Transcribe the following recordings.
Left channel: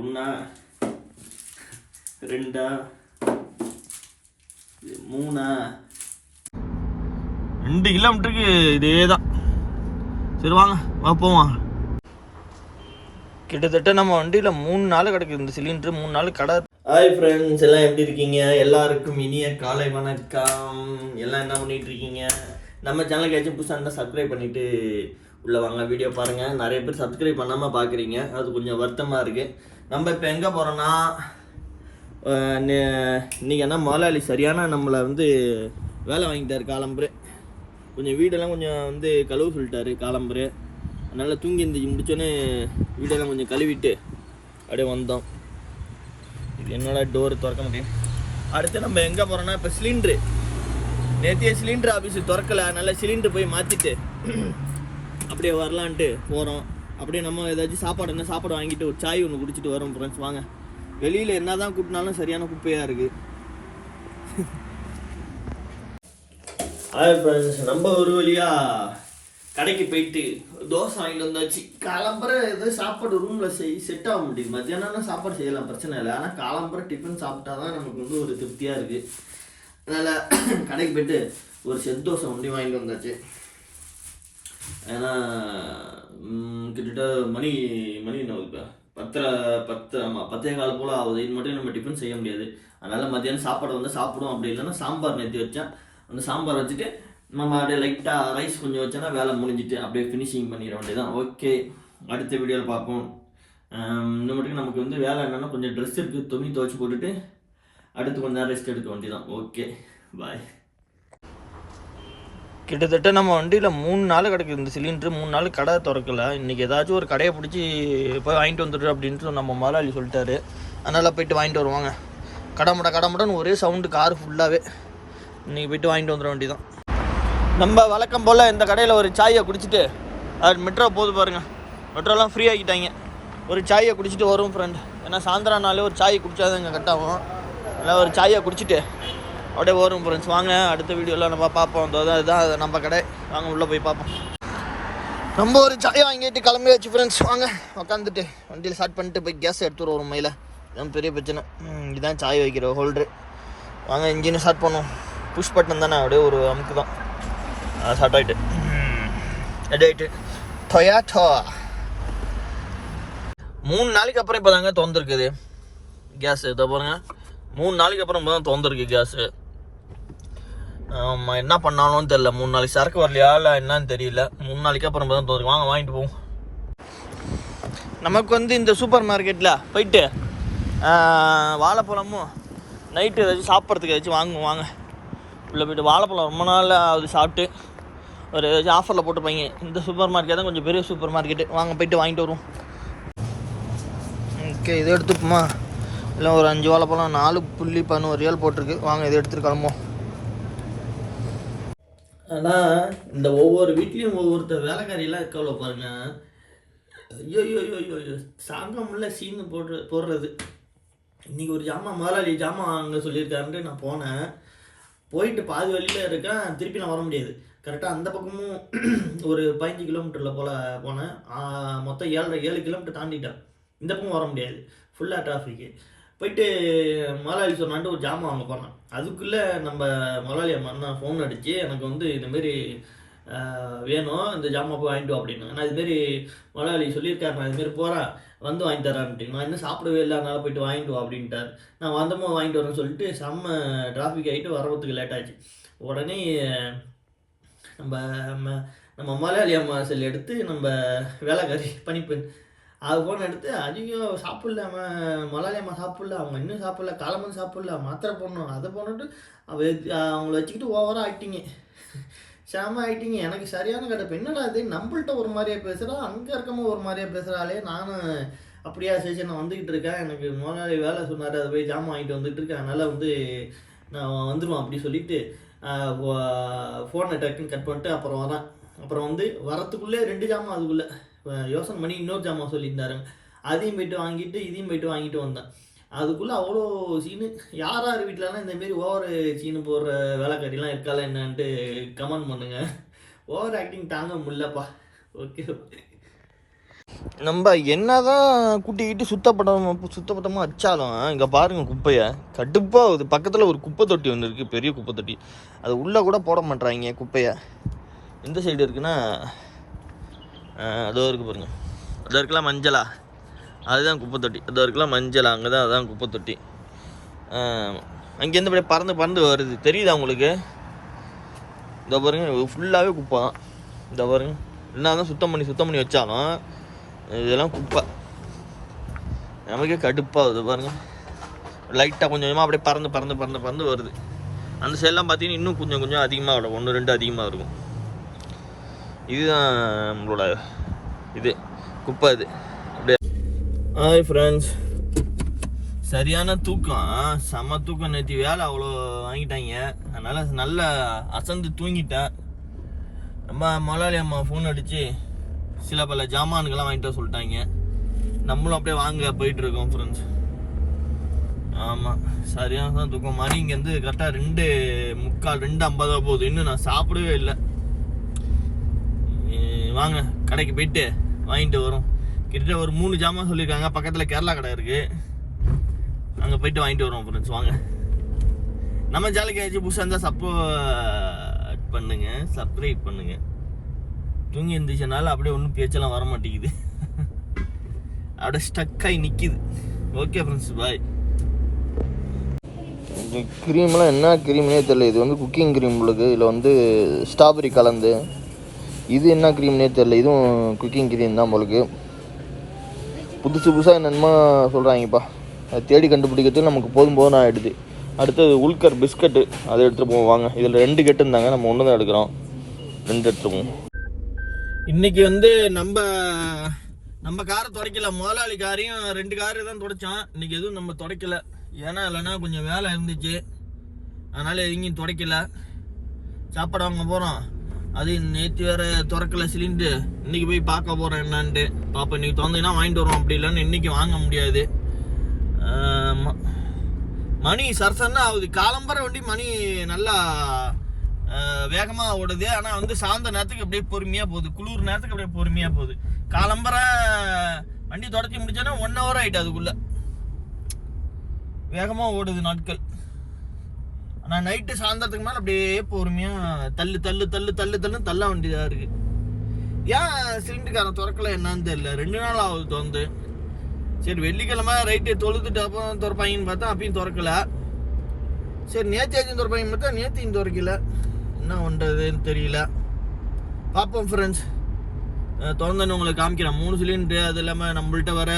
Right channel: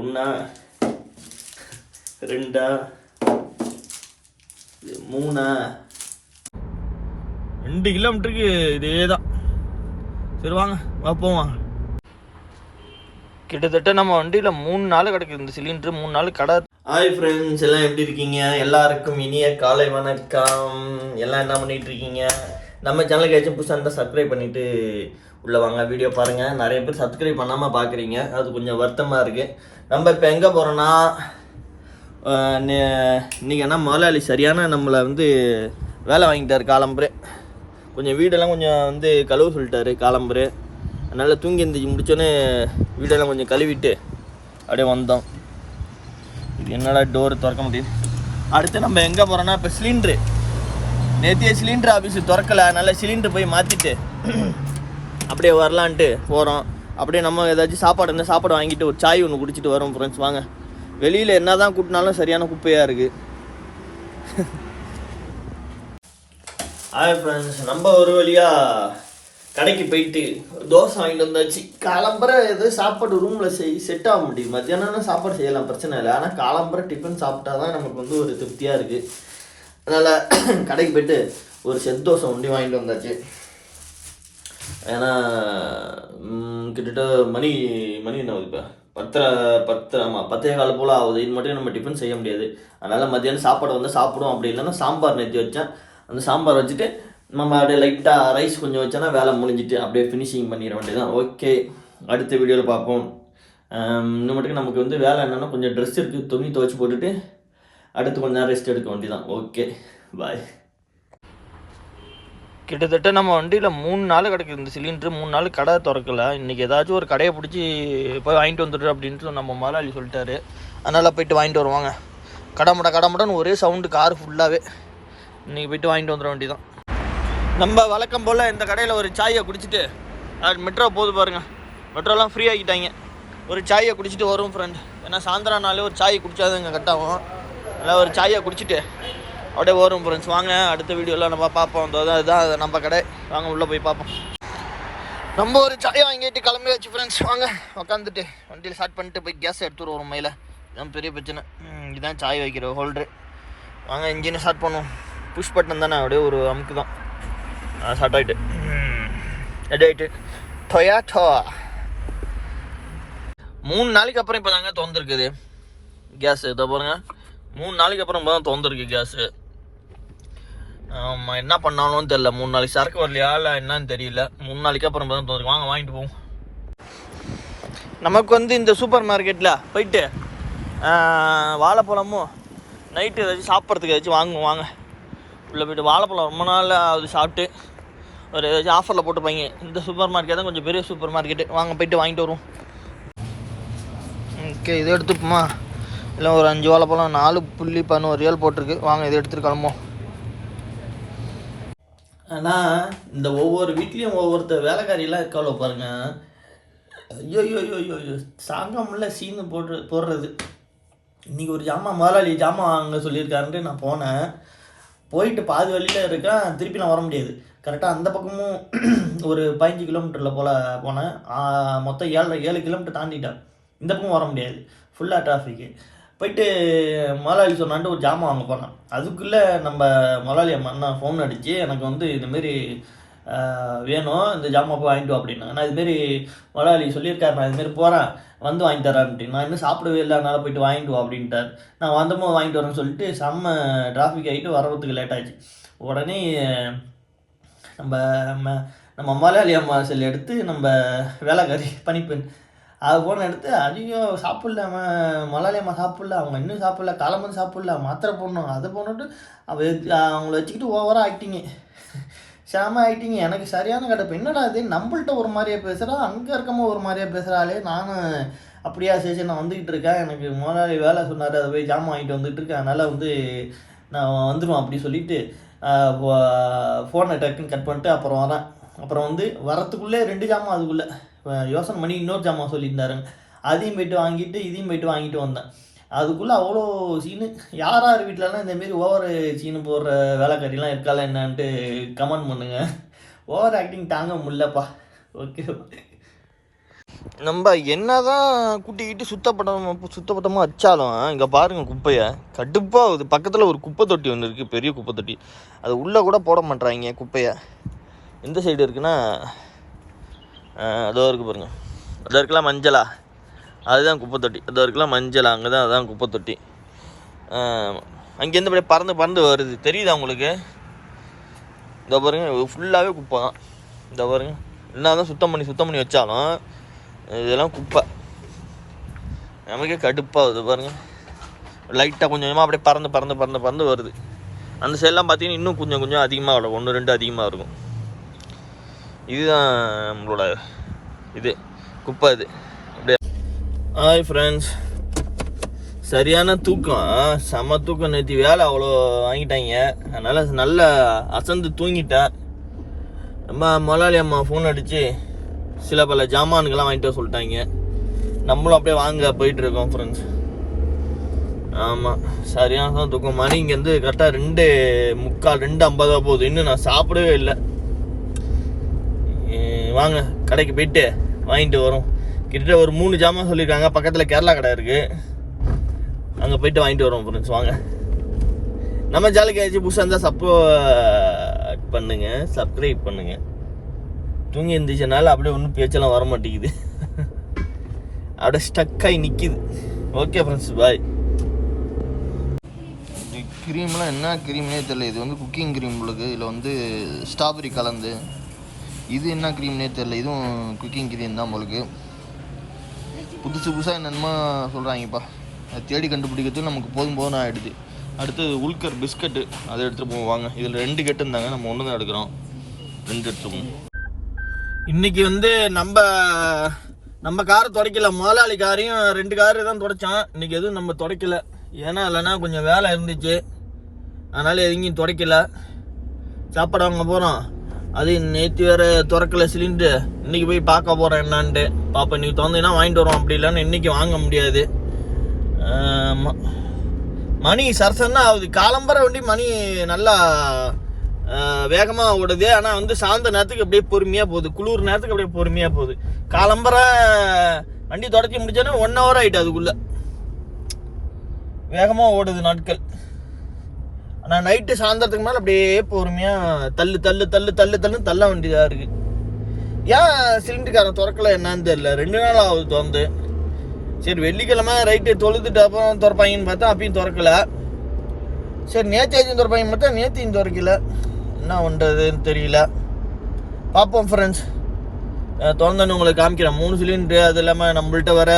ஒன்றா ரெண்டா மூணா. ரெண்டு கிலோமீட்டருக்கு இதே தான் சரி வாங்க வா போவான் கிட்டத்தட்ட நம்ம வண்டியில் மூணு நாள் கிடக்குது இந்த சிலிண்டர் மூணு நாள் கடை. ஹாய் ஃப்ரெண்ட்ஸ் எல்லாம் எப்படி இருக்கீங்க? எல்லாருக்கும் இனிய காலை வணக்கம். எல்லாம் என்ன பண்ணிட்டு இருக்கீங்க? நம்ம சேனலுக்கு ஏதாச்சும் புதுசாக இருந்தால் சப்ஸ்கிரைப் பண்ணிட்டு உள்ளே வாங்க வீடியோ பாருங்கள் நிறைய பேர் சப்ஸ்கிரைப் பண்ணாமல் பார்க்குறீங்க அது கொஞ்சம் வருத்தமாக இருக்குது நம்ம இப்போ எங்கே போகிறோன்னா இன்றைக்கி என்ன முதலாளி சரியான நம்மளை வந்து வேலை வாங்கிட்டார் காலம்பரு. கொஞ்சம் வீடெல்லாம் கொஞ்சம் வந்து கழுவு சொல்லிட்டாரு காலம்பரு. அதனால் தூங்கி எந்திரிச்சு முடிச்சோன்னே வீடெல்லாம் கொஞ்சம் கழுவிட்டு அப்படியே வந்தோம். இது என்னடா டோர் திறக்க முடியும்? அடுத்து நம்ம எங்கே போகிறோன்னா இப்போ சிலிண்ட்ரு நேற்றைய சிலிண்டர் ஆஃபீஸு திறக்கல. அதனால் சிலிண்டர் போய் மாற்றிட்டு அப்படியே வரலான்ட்டு போகிறோம் அப்படியே நம்ம ஏதாச்சும் சாப்பாடு இருந்தால் சாப்பாடு வாங்கிட்டு ஒரு சாய் ஒன்று குடிச்சிட்டு வரோம் ஃப்ரெண்ட்ஸ் வாங்க. வெளியில் என்ன தான் கூட்டினாலும் சரியான குப்பையாக இருக்குது ஹாய் ஃப்ரெண்ட்ஸ் நம்ம ஒரு வழியாக கடைக்கு போயிட்டு தோசை வாங்கிட்டு வந்தாச்சு. காலம்பரை எது சாப்பாடு ரூமில் செய் செட் ஆக முடியுது மத்தியானம் சாப்பாடு செய்யலாம் பிரச்சனை இல்லை. ஆனால் காலம்பரை டிஃபன் சாப்பிட்டா தான் நமக்கு வந்து ஒரு திருப்தியாக இருக்குது அதனால் கடைக்கு போயிட்டு ஒரு செட் தோசை ஒண்டி வாங்கிட்டு வந்தாச்சு. ஏன்னா கிட்டத்தட்ட மணி மணி என்ன இப்போ? பத்தரை பத்து ஆமாம் பத்தே கால் போல் ஆகுது. இது மட்டும் நம்ம டிஃபன் செய்ய முடியாது. அதனால் மத்தியானம் சாப்பாடு வந்து சாப்பிடும் அப்படி இல்லைன்னா சாம்பார் நேற்றி வச்சேன். அந்த சாம்பார் வச்சுட்டு நம்ம அப்படியே லைட்டாக ரைஸ் கொஞ்சம் வச்சோன்னா வேலை முடிஞ்சிட்டு அப்படியே ஃபினிஷிங் பண்ணிட வேண்டியதான் ஓகே அடுத்த வீடியோவில் பார்ப்போம். இன்னும் மட்டும் நமக்கு வந்து வேலை என்னென்னா கொஞ்சம் ட்ரெஸ் இருக்குது துணி துவைச்சி போட்டுட்டு அடுத்து கொஞ்ச நேரம் ரெஸ்ட் எடுக்க வேண்டியதான் ஓகே பாய் கிட்டத்தட்ட நம்ம வண்டியில் மூணு நாள் கிடக்குது இந்த சிலிண்டர் மூணு நாள் கடை திறக்கல. இன்றைக்கி ஏதாச்சும் ஒரு கடையை பிடிச்சி போய் வாங்கிட்டு வந்துடு அப்படின்ட்டு நம்ம முதலாளி சொல்லிட்டாரு. அதனால் போயிட்டு வாங்கிட்டு வருவாங்க கடமுட முட முடன்னு ஒரே சவுண்டு கார் ஃபுல்லாகவே இன்றைக்கி போயிட்டு வாங்கிட்டு வந்துட வேண்டியதான் நம்ம வழக்கம் போல் இந்த கடையில் ஒரு சாயை குடிச்சிட்டு அது மெட்ரோ போது பாருங்கள் மெட்ரோலாம் ஃப்ரீ ஆகிட்டாங்க ஒரு சாயை குடிச்சிட்டு வரும் ஃப்ரெண்ட் ஏன்னா சாயந்தரம் நாளே ஒரு சாயை குடிச்சாதான் கட் ஆகும். அதனால் ஒரு சாயை குடிச்சிட்டு அப்படியே ஓரும் ஃப்ரெண்ட்ஸ் வாங்க அடுத்த வீடியோவில் நம்ம பார்ப்போம். அதுதான் இதுதான் நம்ம கடை. வாங்க உள்ளே போய் பார்ப்போம். நம்ம ஒரு சாயை வாங்கிட்டு கிளம்பி வச்சு ஃப்ரெண்ட்ஸ் வாங்க உட்காந்துட்டு வண்டியில் ஸ்டார்ட் பண்ணிட்டு போய் கேஸ் எடுத்துரு ஒரு மயில. இதுதான் பெரிய பிரச்சனை. இதுதான் சாய் வைக்கிற ஹோல்டரு வாங்க இன்ஜினை ஸ்டார்ட் பண்ணுவோம். புஷ் பட்டன் தானே அப்படியே ஒரு அமுக்கு தான். ஸ்டார்ட் ஆகிட்டு ரெடி ஆகிட்டு டொயாட்டோ மூணு நாளைக்கு அப்புறம் இப்போ தாங்க திறந்துருக்குது. கேஸு இதை பாருங்க. மூணு நாளைக்கு அப்புறம் இப்போ தான் திறந்துருக்கு கேஸு ஆமாம் என்ன பண்ணாலும் தெரில மூணு நாளைக்கு சரக்கு வரலையா இல்லை என்னன்னு தெரியல. மூணு நாளைக்கு அப்புறம் தான் திறந்துருக்கு வாங்க வாங்கிட்டு போவோம். நமக்கு வந்து இந்த சூப்பர் மார்க்கெட்டில் போயிட்டு வாழைப்பழமும் நைட்டு ஏதாச்சும் சாப்பிட்றதுக்கு ஏதாச்சும் வாங்குவோம் வாங்க. உள்ளே போயிட்டு வாழைப்பழம் ரொம்ப நாள் அது சாப்பிட்டு. ஒரு ஏதாச்சும் ஆஃபரில் போட்டுப்பாங்க. இந்த சூப்பர் மார்க்கெட் தான் கொஞ்சம் பெரிய சூப்பர் மார்க்கெட்டு. வாங்க போயிட்டு வாங்கிட்டு வருவோம். ஓகே இதை எடுத்துப்போமா? இல்லை ஒரு அஞ்சு வாழைப்பழம் நாலு புள்ளி பதினோரு ரியல் போட்டிருக்கு. வாங்க இதை எடுத்துகிட்டு கிளம்போம் ஆனால் இந்த ஒவ்வொரு வீட்லேயும் ஒவ்வொருத்தர் வேலைக்காரியெல்லாம் இருக்காளோ பாருங்க. ஐயோ ஐயோ ஐயோ ஐயோ ஐயோ. சாங்க முடியல சீனு போடுற போடுறது. இன்றைக்கி ஒரு ஜாமான் முதலாளி ஜாமான் வாங்க சொல்லியிருக்காருன்ட்டு நான் போனேன். போயிட்டு பாதி வழியில் இருக்கேன் திருப்பி நான் வர முடியாது. கரெக்டாக அந்த பக்கமும் ஒரு பதினஞ்சு கிலோமீட்டரில் போல் போனேன். மொத்தம் ஏழு ஏழு கிலோமீட்டர் தாண்டிட்டேன். இந்த பக்கம் வர முடியாது. ஃபுல்லாக டிராஃபிக்கு போயிட்டு முதலாளி சொன்னான்ட்டு ஒரு ஜாமான் வாங்க போனான். அதுக்குள்ளே நம்ம முதலாளி அம்மா ஃபோன் அடித்து எனக்கு வந்து இதுமாரி வேணும் இந்த ஜாமான் போய் வாங்கிட்டு வா அப்படின்னா நான் இதுமாரி முதலாளி சொல்லியிருக்காரு நான் இதுமாரி போகிறேன் வந்து வாங்கி தரேன் அப்படின்னு நான் இன்னும் சாப்பிடவே இல்லை அதனால் போயிட்டு வாங்கிட்டு வா அப்படின்ட்டார். நான் வந்தமோ வாங்கிட்டு வரேன்னு சொல்லிட்டு செம்ம டிராஃபிக் ஆகிட்டு வரதுக்கு லேட் ஆச்சு. உடனே நம்ம நம்ம நம்ம முதலாளி அம்மா செல் எடுத்து நம்ம வேலைக்காரி பணிப்பெண் அது போன எடுத்து ஐயோ சாப்பிடல அவன் முதலாளி அம்மா சாப்பிடல அவங்க இன்னும் சாப்பிடல காலம்பன் சாப்பிடல மாத்திரை போடணும் அதை போட்டுட்டு அவங்கள வச்சுக்கிட்டு ஓவராக ஆக்டிங்க செம ஆக்டிங்க எனக்கு சரியான கிடப்பு. என்னடா இது? நம்மள்ட்ட ஒரு மாதிரியா பேசுகிறா அங்கே இருக்கமோ ஒரு மாதிரியா பேசுகிறாளே நானும் அப்படியா சரி நான் வந்துக்கிட்டு இருக்கேன். எனக்கு முதலாளி வேலை சொன்னார் அதை போய் ஜாமான் வாங்கிட்டு வந்துட்டு இருக்கேன். அதனால் வந்து நான் வந்துடுவேன் அப்படி சொல்லிட்டு ஃபோனை டக்குன்னு கட் பண்ணிட்டு அப்புறம் வரேன். அப்புறம் வந்து வரத்துக்குள்ளே ரெண்டு ஜாமான் அதுக்குள்ளே. யோசனை பண்ணி இன்னொரு ஜாமான் சொல்லியிருந்தாருங்க. அதையும் போயிட்டு வாங்கிட்டு இதையும் போயிட்டு வாங்கிட்டு வந்தேன். அதுக்குள்ளே அவ்வளோ சீனு. யார் யார் வீட்டிலலாம் இந்தமாரி ஓவர் சீனு போடுற வேலைக்காரிலாம் இருக்கால என்னான்ட்டு கமெண்ட் பண்ணுங்கள் ஓவர் ஆக்டிங் தாங்க முடிலப்பா ஓகே நம்ம என்ன தான் கூட்டிக்கிட்டு சுத்தப்பட்டம் சுத்தப்பட்டமாக வச்சாலும் இங்கே பாருங்கள் குப்பையை. கடுப்பாகுது பக்கத்தில் ஒரு குப்பை தொட்டி ஒன்று இருக்குது பெரிய குப்பை தொட்டி. அது உள்ளே கூட போட மாட்டேறாங்க குப்பையை. எந்த சைடு இருக்குன்னா அதோ இருக்குது பாருங்க. அதோ இருக்கலாம் மஞ்சளா? அதுதான் குப்பை தொட்டி அதோ இருக்கலாம் மஞ்சளா? அங்கே தான் அதுதான் குப்பை தொட்டி அங்கேருந்து அப்படியே பறந்து பறந்து வருது. தெரியுதா உங்களுக்கு? இந்த பாருங்க ஃபுல்லாகவே குப்பை. தான் இந்த பாருங்க. என்ன தான் சுத்தம் பண்ணி சுத்தம் பண்ணி வச்சாலும் இதெல்லாம் குப்பை. நமக்கே கடுப்பாகுது பாருங்க. லைட்டாக கொஞ்சம் கொஞ்சமாக அப்படியே பறந்து பறந்து பறந்து பறந்து வருது. அந்த சைடெலாம் பார்த்தீங்கன்னா இன்னும் கொஞ்சம் கொஞ்சம் அதிகமாக வரும். ஒன்று ரெண்டு அதிகமாக இருக்கும். இதுதான் நம்மளோட இது குப்பை இது. அப்படியே. ஹாய் ஃப்ரெண்ட்ஸ் சரியான தூக்கம். செம தூக்கம். நேற்று வேலை அவ்வளோ வாங்கிட்டாங்க. அதனால் நல்லா அசந்து தூங்கிட்டேன். நம்ம முதலாளி அம்மா ஃபோன் அடித்து சில பல ஜாமான்கள்லாம் வாங்கிட்டு வர சொல்லிட்டாங்க. நம்மளும் அப்படியே வாங்க போயிட்டுருக்கோம் ஃப்ரெண்ட்ஸ் ஆமாம் சரியான தான் தூக்கம் மணி இங்கேருந்து கரெக்டாக ரெண்டு முக்கால் ரெண்டு ஐம்பதா போகுது. இன்னும் நான் சாப்பிடவே இல்லை. வாங்க கடைக்கு போயிட்டு வாங்கிட்டு வரோம். கிட்டத்தட்ட ஒரு மூணு ஜாமான் சொல்லியிருக்காங்க பக்கத்தில் கேரளா கடை இருக்குது அங்கே போயிட்டு வாங்கிட்டு வரோம் ஃப்ரெண்ட்ஸ் வாங்க. நம்ம ஜாலிக்கு ஏதாச்சும் புதுசாக இருந்தால் சப்போர்ட் பண்ணுங்க சப்ஸ்கிரைப் பண்ணுங்க. தூங்கி இருந்துச்சுனால அப்படியே ஒன்றும் பேச்செல்லாம் வர மாட்டேங்குது அப்படியே ஸ்டக்காகி நிற்கிது ஓகே ஃப்ரெண்ட்ஸ் பாய் இந்த க்ரீம்லாம் என்ன க்ரீம்னே தெரியல. இது வந்து குக்கிங் க்ரீம் உள்ளது. இதில் வந்து ஸ்ட்ராபெரி கலந்து இது என்ன க்ரீம்னே தெரில இதுவும் குக்கிங் க்ரீம் தான் உங்களுக்கு புதுசு புதுசாக என்னென்னமோ சொல்கிறாங்கப்பா அதை தேடி கண்டுபிடிக்கிறது நமக்கு போதும் போதும் ஆகிடுது அடுத்தது உல்கர் பிஸ்கட்டு அதை எடுத்துகிட்டு போவோம். வாங்க. இதில் ரெண்டு கெட்டு இருந்தாங்க. நம்ம ஒன்று தான் எடுக்கிறோம். ரெண்டு எடுத்துகிட்டு போவோம். இன்னைக்கு வந்து நம்ம நம்ம காரை துடைக்கல. முதலாளி காரையும் ரெண்டு காரு தான் துடைச்சான். இன்றைக்கி எதுவும் நம்ம துடைக்கல. ஏன்னா இல்லைன்னா கொஞ்சம் வேலை இருந்துச்சு. அதனால் எங்கேயும் துடைக்கல. சாப்பாடு வாங்க போகிறோம் அது நேற்று வேற திறக்கல சிலிண்டர். இன்னைக்கு போய் பார்க்க போகிறேன் என்னான்ட்டு. பாப்பா இன்னைக்கு திறந்தீங்கன்னா வாங்கிட்டு வரோம் அப்படி இல்லைன்னு இன்னைக்கு வாங்க முடியாது. மணி சரசன்னா ஆகுது. காலம்பர வண்டி மணி நல்லா வேகமாக ஓடுது. ஆனால் வந்து சாய்ந்த நேரத்துக்கு அப்படியே பொறுமையாக போகுது. குளிர் நேரத்துக்கு அப்படியே பொறுமையாக போகுது. காலம்பர வண்டி தொடச்சி முடிச்சோன்னா ஒன் ஹவர் ஆகிட்டு அதுக்குள்ளே. வேகமாக ஓடுது நாட்கள். ஆனால் நைட்டு சாயந்தரத்துக்கு மேலே அப்படியே பொறுமையாக தள்ளு தள்ளு தள்ளு தள்ளு தள்ளுன்னு தள்ள வேண்டியதாக இருக்குது ஏன் சிலிண்டர்காரன் திறக்கல என்னன்னு தெரியல. ரெண்டு நாள் ஆகுது திறந்து. சரி வெள்ளிக்கிழமை ரைட்டு தொழுதுட்டு அப்புறம் திறப்பாங்கன்னு பார்த்தா அப்பயும் திறக்கல. சரி நேற்றாச்சும் திறப்பாங்க பார்த்தா நேற்றையும் திறக்கல. என்ன பண்ணுறதுன்னு தெரியல. பார்ப்போம் ஃப்ரெண்ட்ஸ் திறந்தோன்னு உங்களுக்கு காமிக்கிறேன். மூணு சிலிண்டரு அது இல்லாமல் நம்மள்கிட்ட வர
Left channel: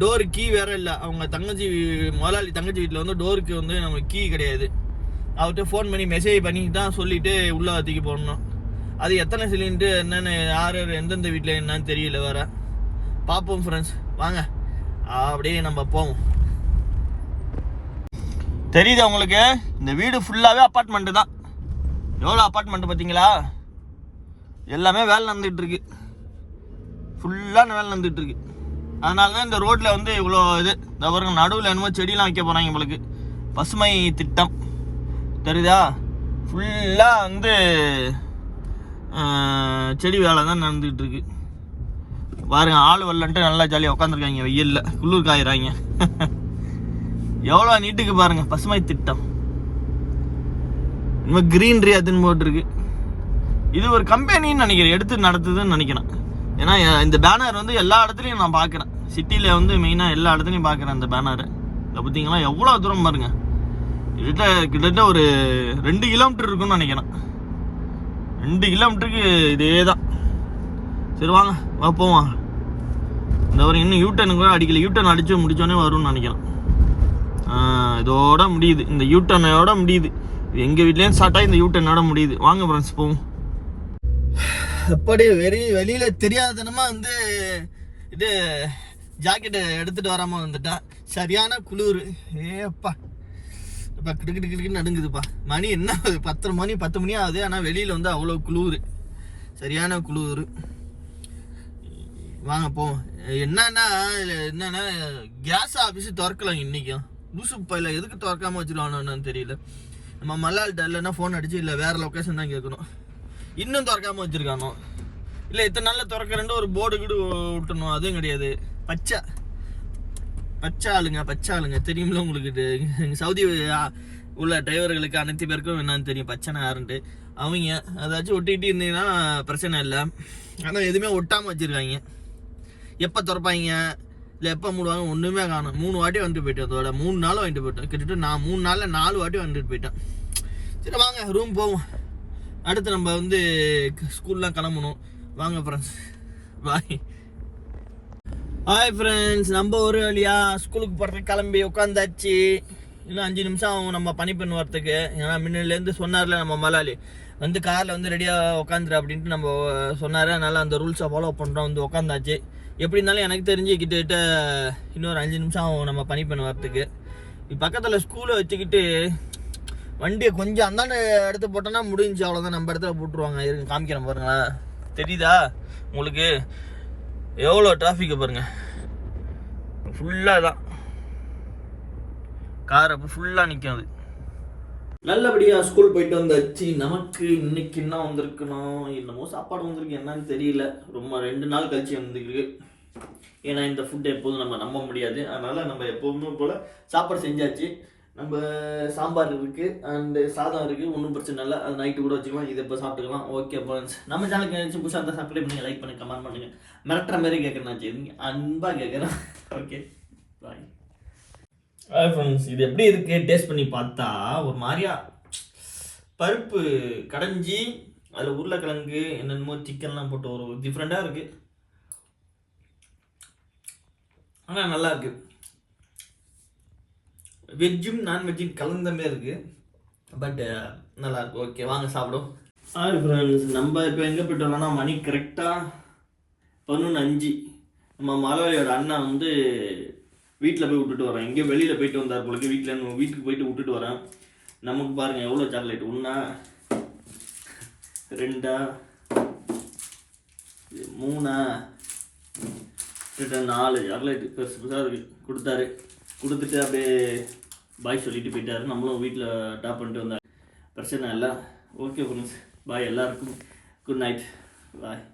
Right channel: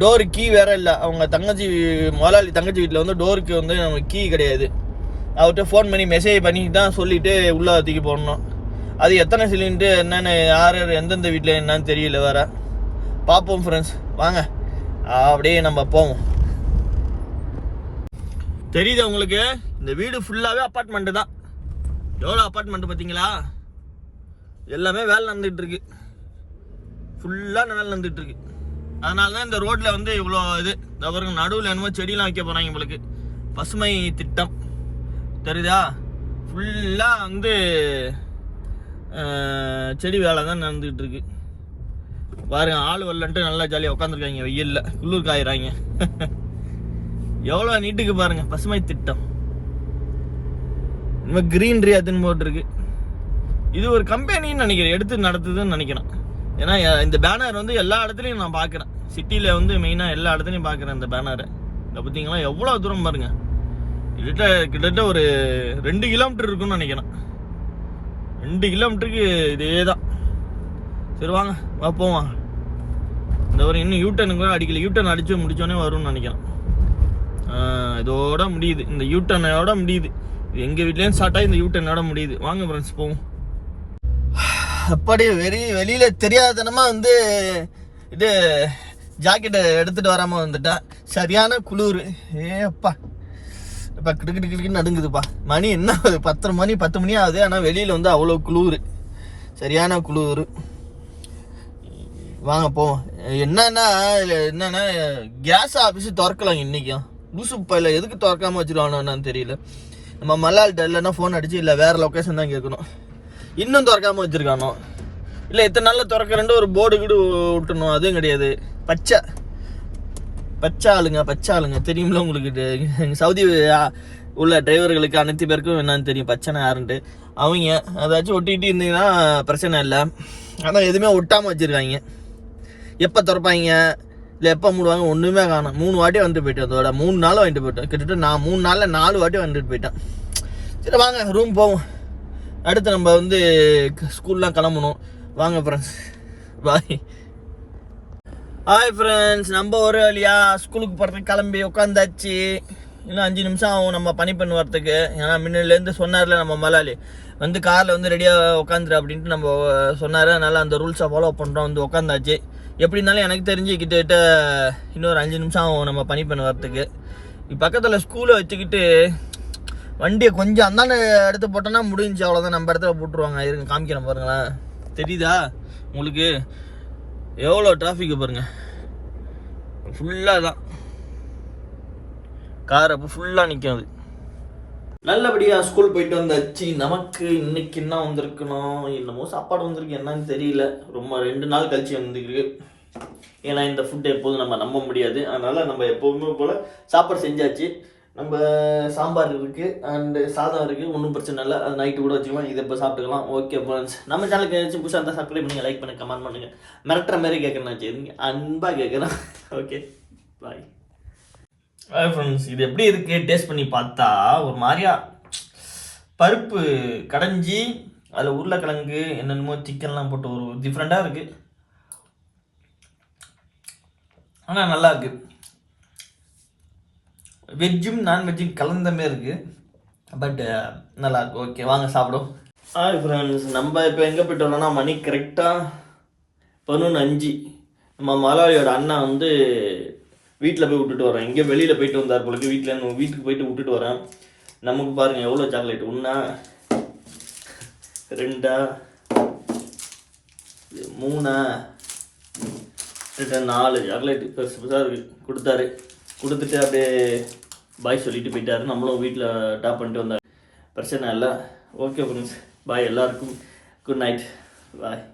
டோர் கீ வேற இல்லை. அவங்க தங்கச்சி முதலாளி தங்கச்சி வீட்டில் வந்து டோருக்கு வந்து நம்ம கீ கிடையாது. அவர்கிட்ட ஃபோன் பண்ணி மெசேஜ் பண்ணி தான் சொல்லிட்டு உள்ளே தூக்கி போடணும். அது எத்தனை சிலிண்டு என்னென்ன யார் யார் எந்தெந்த வீட்டில் என்னன்னு தெரியல வேற. பார்ப்போம் ஃப்ரெண்ட்ஸ் வாங்க. அப்படியே நம்ம போவோம். தெரியுதா உங்களுக்கு? இந்த வீடு ஃபுல்லாகவே அப்பார்ட்மெண்ட்டு தான். எவ்வளோ அப்பார்ட்மெண்ட் பார்த்தீங்களா? எல்லாமே வேலை நடந்துகிட்ருக்கு ஃபுல்லாக வேலை நடந்துகிட்ருக்கு அதனால தான் இந்த ரோட்டில் வந்து இவ்வளோ இது. இந்த பாருங்க நடுவில் என்னமோ செடியெலாம் வைக்க போகிறாங்க உங்களுக்கு பசுமை திட்டம். தெரியுதா? ஃபுல்லாக வந்து செடி வேலை தான் நடந்துகிட்டு இருக்கு பாருங்க ஆள் வரலன்ட்டு நல்லா ஜாலியாக உட்காந்துருக்காங்க வெயில்ல. குளிர் காயிறாங்க. எவ்வளோ நீட்டுக்கு பாருங்க பசுமை திட்டம். இனிமேல் கிரீன்ரி அதுன்னு போட்டிருக்கு. இது ஒரு கம்பெனின்னு நினைக்கிறேன். எடுத்து நடத்துதுன்னு நினைக்கிறேன். ஏன்னா இந்த பேனர் வந்து எல்லா இடத்துலையும் நான் பார்க்குறேன் சிட்டியில் வந்து மெயினாக எல்லா இடத்துலையும் பார்க்குறேன் இந்த பேனரு இதை பார்த்தீங்களா? எவ்வளோ தூரம் பாருங்க. கிட்டத்தட்ட கிட்டத்தட்ட ஒரு ரெண்டு கிலோமீட்டர் இருக்கும்னு நினைக்கிறேன். ரெண்டு கிலோமீட்டருக்கு இதே தான் சரி வாங்க. வா போவோம். இந்த ஒரு இன்னும் யூட்டன் கூட அடிக்கல. யூட்டன் அடித்து முடித்தோடனே வரும்னு நினைக்கிறேன். இதோட முடியுது. இந்த யூட்டனோட முடியுது. இது எங்கள் வீட்லேயும் ஸ்டார்ட் ஆகி இந்த யூட்டனோட முடியுது. வாங்க ஃப்ரெண்ட்ஸ் போவோம். அப்படி வெறி வெளியில் தெரியாதனமா வந்து இது ஜாக்கெட்டை எடுத்துகிட்டு வராமல் வந்துட்டேன் சரியான குளிர். ஏப்பா. இப்போ கிடுக்கு கிடுக்கு நடுங்குதுப்பா. மணி என்ன ஆகுது? பத்தரை மணி பத்து மணி ஆகுது. ஆனால் வெளியில் வந்து அவ்வளோ குளிர். சரியான குளிர். வாங்க போவோம். என்னன்னா இதில் என்னன்னா கேஸ் ஆஃபீஸ் திறக்கலாம் இன்றைக்கும் லூசு பையில எதுக்கு திறக்காமல் வச்சுருவானோன்னு தெரியல. நம்ம மல்லாள்கிட்ட இல்லைன்னா ஃபோன் அடிச்சு இல்லை வேறு லொக்கேஷன் தான் கேட்கணும். இன்னும் திறக்காமல் வச்சிருக்கானோ? இல்லை எத்தனை நாளில் திறக்கிறேன்ட்டு ஒரு போர்டு கீடு விட்டணும் அதுவும் கிடையாது. பச்சை. பச்சை ஆளுங்க பச்சை ஆளுங்க. தெரியுமில உங்களுக்கு சவுதி உள்ள டிரைவர்களுக்கு அனைத்து பேருக்கும் என்னன்னு தெரியும். பச்சனை யாருன்ட்டு. அவங்க அதாச்சும் ஒட்டிகிட்டு இருந்தீங்கன்னா பிரச்சனை இல்லை. ஆனால் எதுவுமே ஒட்டாமல் வச்சுருக்காங்க. எப்போ திறப்பாங்க? இல்லை எப்போ மூடுவாங்க ஒன்றுமே காணும். மூணு வாட்டி வந்துட்டு போயிட்டேன் அதோட மூணு நாள் வாங்கிட்டு போயிட்டேன் கிட்டத்தட்ட நான் மூணு நாளில் நாலு வாட்டி வந்துட்டு போயிட்டேன் சரி வாங்க ரூம் போவோம். அடுத்து நம்ம வந்து ஸ்கூல்லாம் கிளம்பணும். வாங்க ஃப்ரெண்ட்ஸ் பாய் ஹாய் ஃப்ரெண்ட்ஸ் நம்ம ஒரு வழியா ஸ்கூலுக்கு போகிறதுக்கு கிளம்பி உட்காந்தாச்சு. இன்னும் அஞ்சு நிமிஷம் ஆகும் நம்ம பனி பண்ணு வரத்துக்கு ஏன்னா முன்னிலேருந்து சொன்னார்ல நம்ம மலாலி வந்து காரில் வந்து ரெடியாக உட்காந்துரு அப்படின்ட்டு நம்ம சொன்னார். அதனால் அந்த ரூல்ஸை ஃபாலோ பண்ணுறோம் வந்து உட்காந்தாச்சு. எப்படி இருந்தாலும் எனக்கு தெரிஞ்சு கிட்டத்தட்ட இன்னொரு அஞ்சு நிமிஷம் ஆகும் நம்ம பனி பண்ண வரத்துக்கு பக்கத்தில் ஸ்கூலை வச்சுக்கிட்டு வண்டியை கொஞ்சம் அந்தாண்ட இடத்த போட்டோன்னா முடிஞ்சு அவ்வளோதான் நம்ம இடத்துல போட்டுருவாங்க. இருங்க காமிக்கிறேன் பாருங்களேன். தெரியுதா? உங்களுக்கு எவ்வளோ டிராஃபிக்கு பாருங்க. ஃபுல்லாக தான் கார் அப்போ ஃபுல்லாக நிற்கும் அது. நல்லபடியாக ஸ்கூல் போயிட்டு வந்தாச்சு. நமக்கு இன்னைக்கு என்ன வந்திருக்கணும்? என்னமோ சாப்பாடு வந்திருக்கு. என்னன்னு தெரியல. ரொம்ப ரெண்டு நாள் கழிச்சு வந்துருக்கு. ஏன்னா இந்த ஃபுட் எப்போதும் நம்ம நம்ப முடியாது. அதனால் நம்ம எப்போதுமே போல் சாப்பாடு செஞ்சாச்சு. நம்ம சாம்பார் இருக்குது அண்டு சாதம் இருக்குது ஒன்றும் பிரச்சனை இல்லை. அது நைட்டு கூட வச்சுக்கலாம் இதை இப்போ சாப்பிட்டுக்கலாம். ஓகே ஃப்ரெண்ட்ஸ் நம்ம சேனலுக்கு ஏதாச்சும் புதுசாக இருந்தால் சப்ஸ்கிரைப் பண்ணுங்கள் லைக் பண்ணுங்கள் கமெண்ட் பண்ணுங்கள் மிரட்டுற மாதிரி கேட்குறேன் சரிங்க அன்பாக கேட்குறேன் ஓகே பாய் ஹாய் ஃப்ரெண்ட்ஸ் இது எப்படி இருக்குது டேஸ்ட் பண்ணி பார்த்தா ஒரு மாதிரியா பருப்பு கடைஞ்சி அதில் உருளைக்கிழங்கு என்னென்னமோ சிக்கன்லாம் போட்டு ஒரு டிஃப்ரெண்ட்டாக இருக்குது ஆனால் நல்லா இருக்குது வெஜ்ஜும் நான்வெஜ்ஜும் கலந்த இருக்குது இருக்கு. பட் uh, நல்லா இருக்கு ஓகே வாங்க சாப்பிடும் ஹாய் ஃப்ரெண்ட்ஸ் நம்ம இப்போ எங்கே போயிட்டோம்னா மணி கரெக்டாக பதினொன்று அஞ்சு. நம்ம மலாலியோட அண்ணா வந்து வீட்டில் போய் விட்டுட்டு வரேன் எங்கேயோ வெளியில் போயிட்டு வந்தார் போலக்கு வீட்டில் வீட்டுக்கு போயிட்டு விட்டுட்டு வரேன் நமக்கு பாருங்கள் எவ்வளோ சாக்லேட் ஒன்றா ரெண்டா மூணா நாலு. சாக்லேட் பெருசு பெருசாக இருக்குது கொடுத்தாரு. கொடுத்துட்டு அப்படியே பாய் சொல்லிட்டு போயிட்டாரு. நம்மளும் வீட்டில் டாப் பண்ணிட்டு வந்தார். பிரச்சனை இல்லை. ஓகே ஃப்ரெண்ட்ஸ் பாய் எல்லாருக்கும். Good night bye